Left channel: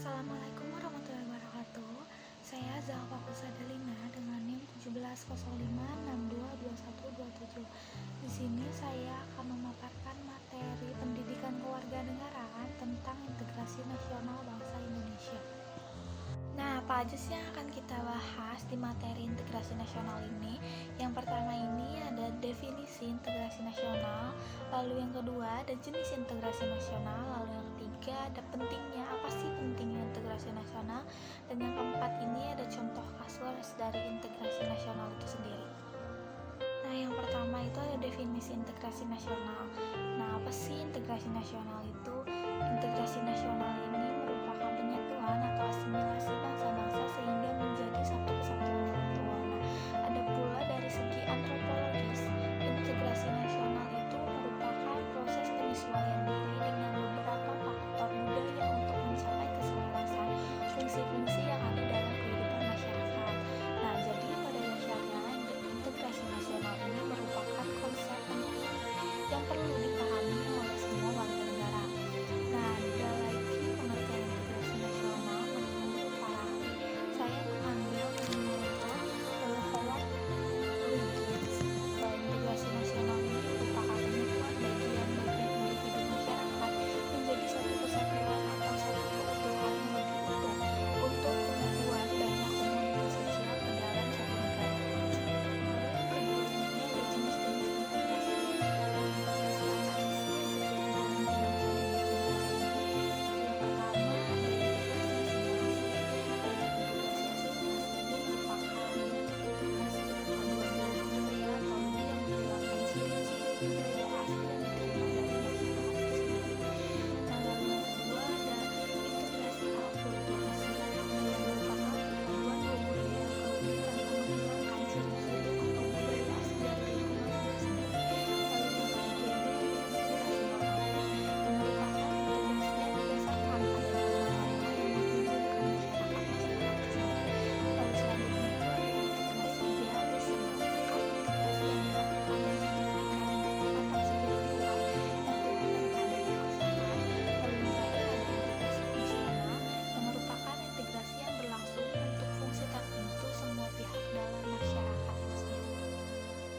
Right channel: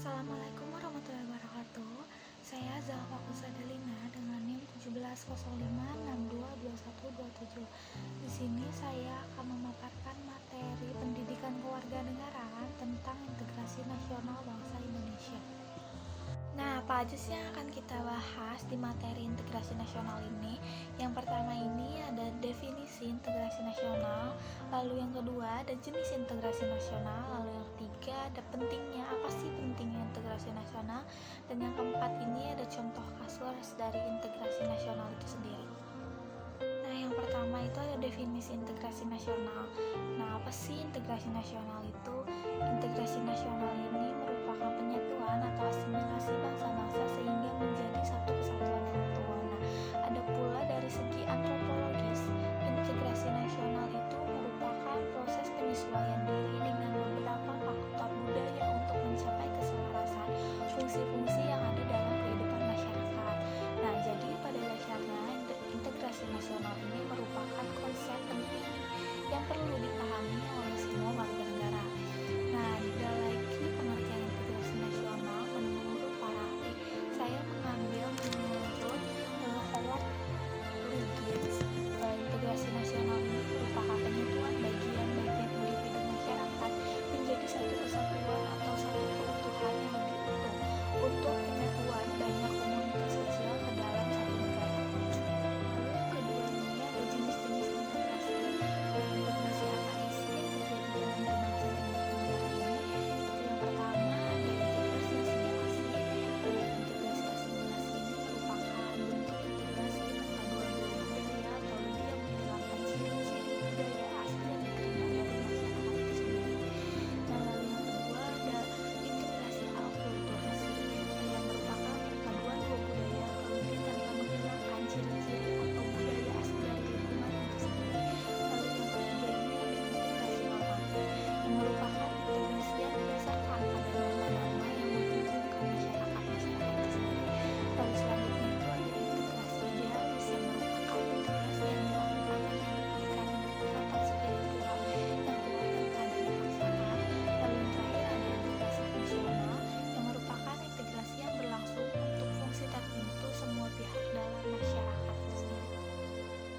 Assalamualaikum warahmatullahi wabarakatuh. Saya Zalfa Kusadalina dengan NIM 1705622127. Di sini saya akan memaparkan materi pendidikan kewarganegaraan tentang integrasi nasional bangsa Indonesia. Nah, apa aja sih yang akan kita bahas di materi integrasi nasional ini? Yang pertama ini ada definisi integrasi nasional, lalu yang kedua ada jenis integrasi nasional, lalu yang ketiga ada pentingnya, apa sih pentingnya integrasi nasional, dan yang keempat ini ada contoh kasus dari integrasi nasional itu sendiri. Nah, yang pertama itu ada definisi integrasi nasional. Nah, apa sih integrasi nasional itu? Integrasi nasional ini merupakan penyatuan atau asimilasi bangsa-bangsa sehingga menjadi satu kesatuan yang utuh. Nah, ada pula dari segi antropologis, integrasi nasional itu merupakan proses penyesuaian diri dengan beberapa faktor budaya untuk mencapai keselarasan fungsi-fungsi yang ada dalam kehidupan masyarakat. Nah, jadi pada dasarnya integrasi nasional ini merupakan konsep penting yang perlu dipahami oleh semua warga negara. Nah, ada lagi pengertian integrasi nasional menurut para ahli. Saya mengambil menurut Howard Lugins. Integrasi nasional ini merupakan penyatuan bagian-bagian individu masyarakat menjadi satu kesatuan atau satu keutuhan yang lebih utuh untuk penyatuan banyak komunitas kecil ke dalam satu negara. Lalu yang kedua ini ada jenis-jenis integrasi. Integrasi apa sih yang terjadi dalam berbangsa dan bernegara ini? Itu yang pertama ada integrasi asimilasi. Integrasi asimilasi ini merupakan bentuk integrasi perpaduan dua budaya atau lebih yang menghilangkan ciri-ciri budaya asli yang diterima dari masyarakat itu sendiri. Nah, lalu yang kedua ada integrasi akulturasi yang merupakan perpaduan dua budaya lebih tanpa menghilangkan ciri-ciri atau budaya asli dari lingkungan itu sendiri. Lalu yang ketiga ini ada integrasi normatif yang merupakan integrasi yang didasarkan pada norma-norma yang menghubungkan masyarakat itu sendiri. Lalu selanjutnya itu ada integrasi idealis yang merupakan integrasi yang dilakukan dan dibuktikan dengan ikatan spiritual yang kuat tanpa adanya paksaan. Lalu yang terakhir ada integrasi fungsional yang merupakan integrasi yang berlangsung untuk fungsi tertentu semua pihak dalam masyarakat itu sendiri.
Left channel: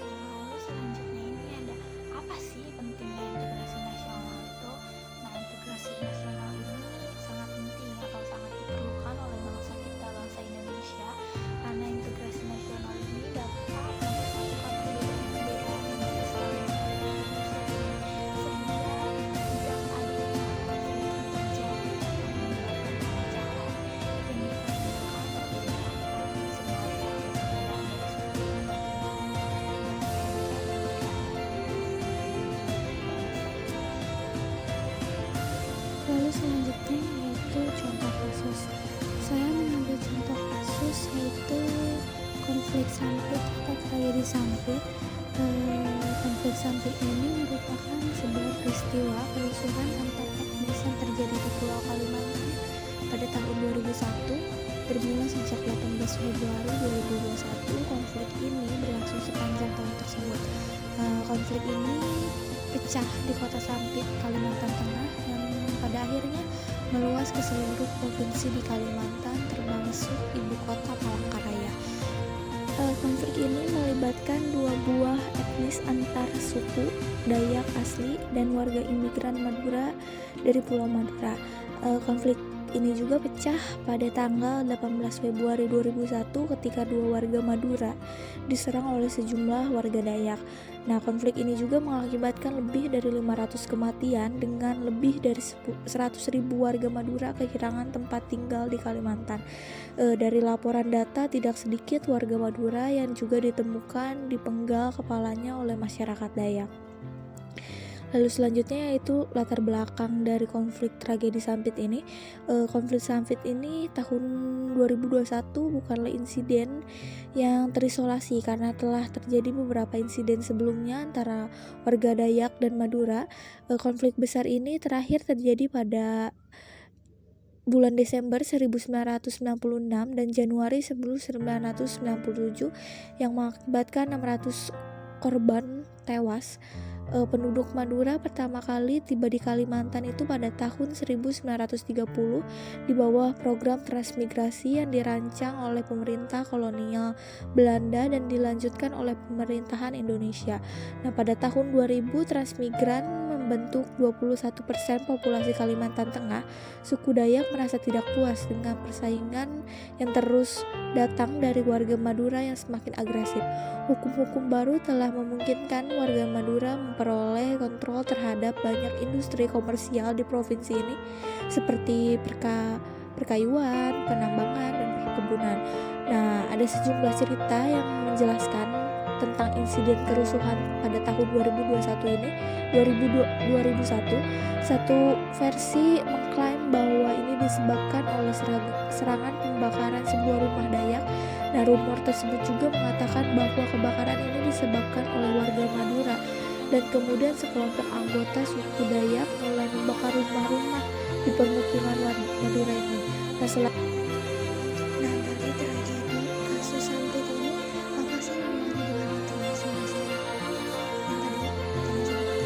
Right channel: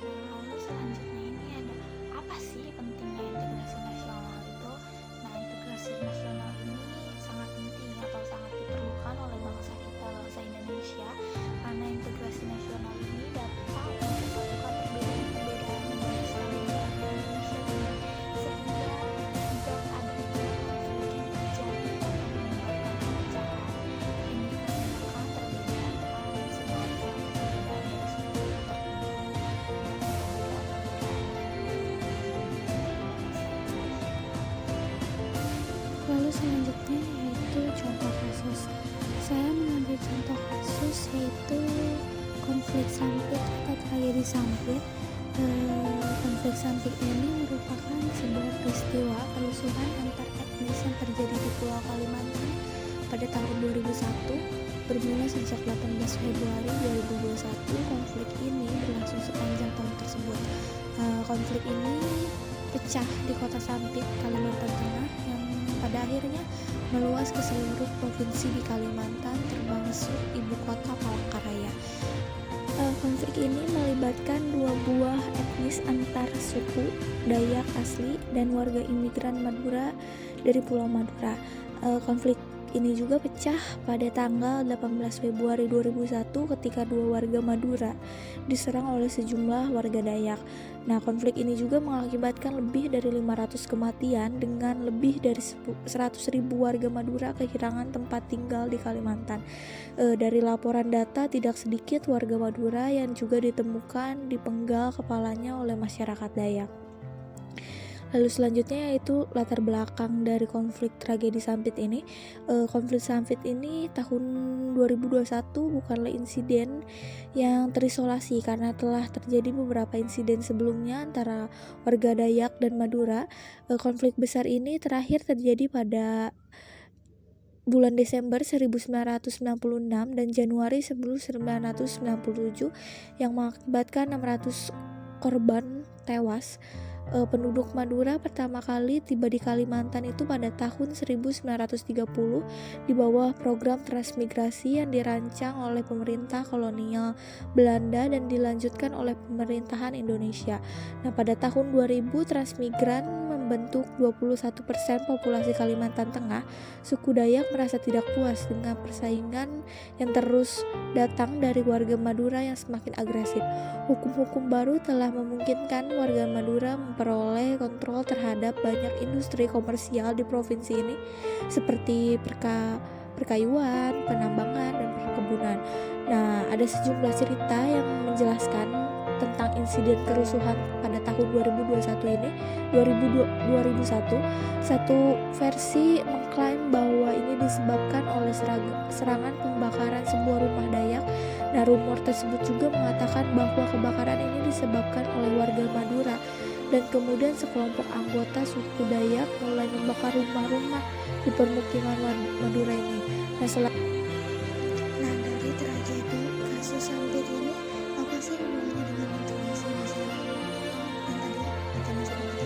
Nah, lalu selanjutnya ini ada apa sih pentingnya integrasi nasional itu? Nah, integrasi nasional ini sangat penting atau sangat diperlukan oleh bangsa kita, bangsa Indonesia, karena integrasi nasional ini dapat mempersatukan perbedaan-perbedaan yang banyak sekali yang ada di Indonesia ini, sehingga tidak adanya konflik yang terjadi atau menyebabkan perpecahan yang dikarenakan perbedaan semacam perbedaan dari suku tertentu dan perbedaan-perbedaan lainnya yang memiliki bangsa Indonesia. Lalu selanjutnya yaitu contoh kasus. Saya mengambil contoh kasus yaitu konflik Sampit atau tragedi Sampit. Konflik Sampit ini merupakan sebuah peristiwa kerusuhan antar etnis yang terjadi di Pulau Kalimantan pada tahun 2001. Bermula sejak 18 Februari 2021, konflik ini berlangsung sepanjang tahun tersebut. Konflik ini pecah di kota Sampit, Kalimantan Tengah, yang pada akhirnya meluas ke seluruh provinsi di Kalimantan, termasuk ibu kota Palangkaraya. Konflik ini melibatkan dua buah etnis antar suku, Dayak asli dan warga imigran Madura dari Pulau Madura. Konflik ini juga pecah pada tanggal 18 Februari 2001 ketika dua warga Madura diserang oleh sejumlah warga Dayak. Nah, konflik ini juga mengakibatkan lebih dari 500 kematian dengan lebih dari 100.000 warga Madura kehilangan tempat tinggal di Kalimantan. Dari laporan data, tidak sedikit warga Madura yang juga ditemukan dipenggal kepalanya oleh masyarakat Dayak. Lalu selanjutnya yaitu latar belakang dari konflik tragedi Sampit ini. Konflik Sampit ini tahun 2021 bukanlah insiden yang terisolasi karena telah terjadi beberapa insiden sebelumnya antara warga Dayak dan Madura. Konflik besar ini terakhir terjadi pada bulan Desember 1996 dan Januari 1997 yang mengakibatkan 600 korban tewas. penduduk Madura pertama kali tiba di Kalimantan itu pada tahun 1930 di bawah program transmigrasi yang dirancang oleh pemerintah kolonial Belanda dan dilanjutkan oleh pemerintahan Indonesia. Nah, pada tahun 2000 transmigran membentuk 21% populasi Kalimantan Tengah. Suku Dayak merasa tidak puas dengan persaingan yang terus datang dari warga Madura yang semakin agresif. Hukum-hukum baru telah memungkinkan warga Madura memperoleh kontrol terhadap banyak industri komersial di provinsi ini seperti perkayuan, penambangan, dan perkebunan. Nah, ada sejumlah cerita yang menjelaskan tentang insiden kerusuhan pada tahun 2021 ini, 2001. Satu versi mengklaim bahwa ini disebabkan oleh serangan pembakaran sebuah rumah Dayak. Nah, rumor tersebut juga mengatakan bahwa kebakaran ini disebabkan oleh warga Madura dan kemudian sekelompok anggota suku Dayak mulai membakar rumah-rumah di permukiman Madura ini. Nah, dari tragedi kasus Sampit ini, apa sih hubungannya dengan integrasi nasional yang tadi katanya sebut?